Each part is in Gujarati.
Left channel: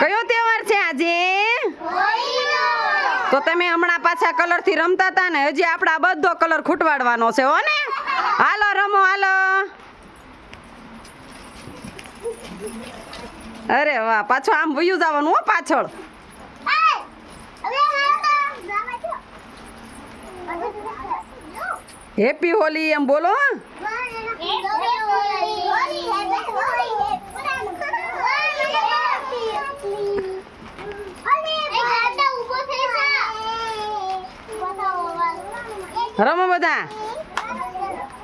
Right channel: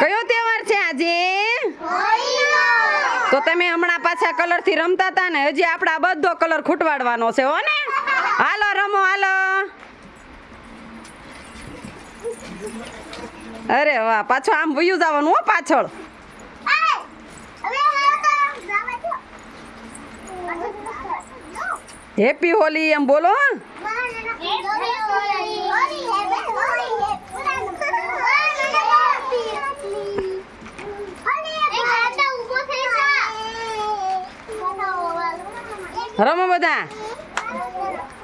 કયો તહેવાર છે આજે? તો તમે હમણાં પાછા કલર થી રમતા હતા ને, હજી આપડા બધો કલર ખૂટવાડવાનો છે હો ને. હાલો રમો હાલો. અરે વાહ, પાછો આમ વયું જવાનું હો પાછળ. હેપી હોલી એમ બોલો. રમો બધા.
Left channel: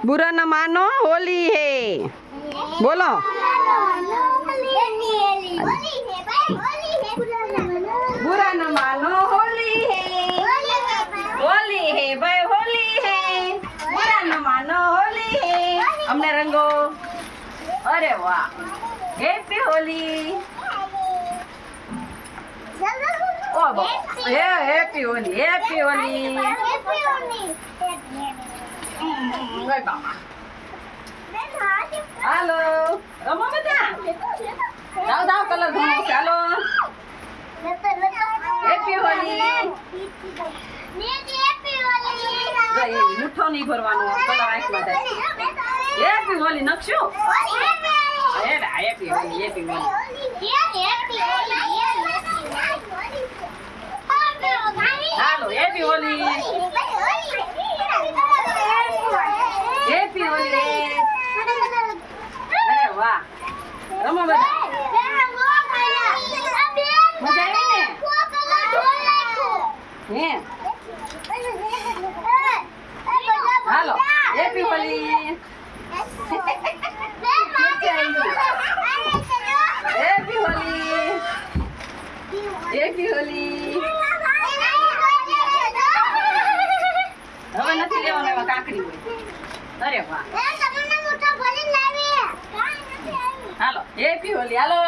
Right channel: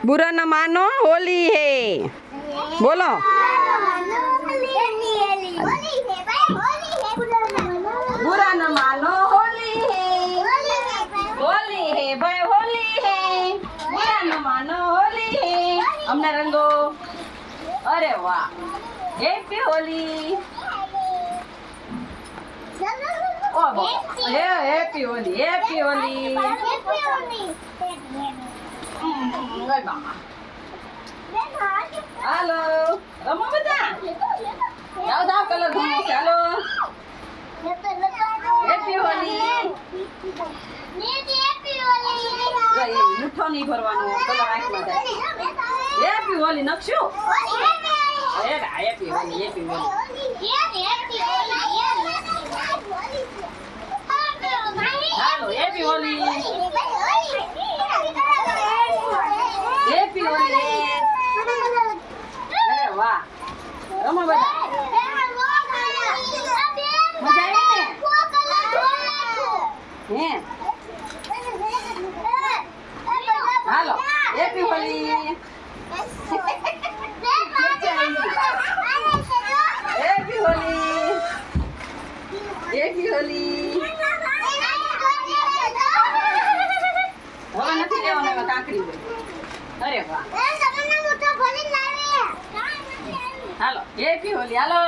बुरा न मानो होली है बोलो. बुरा न मानो होली है भाई होली है. बुरा न मानो होली है. हमने रंगो. अरे वाह, हैप्पी होली. ओ हैप्पी होली, हैप्पी होली. હાલો રમો બધા. જાઓ જાઓ કલર ભણો. ચાલો હેપી હોલી. મુઠ્ઠો નહીં ભરવાનો, કલર આંખમાં થાય. હેપી હોલી નકશો. Happy Holi, happy Holi. હાલો હેપી હોલી. હેપી હોલી. અરે વાહ, રમો બધા. મજા આવી ને? હે હાલો happy Holi. Happy Holi, happy Holi. હવે નથી લેવાનું, એમાં કાંકરી હોય. અરે વાહ, હાલો હેપી હોલી. હાલો.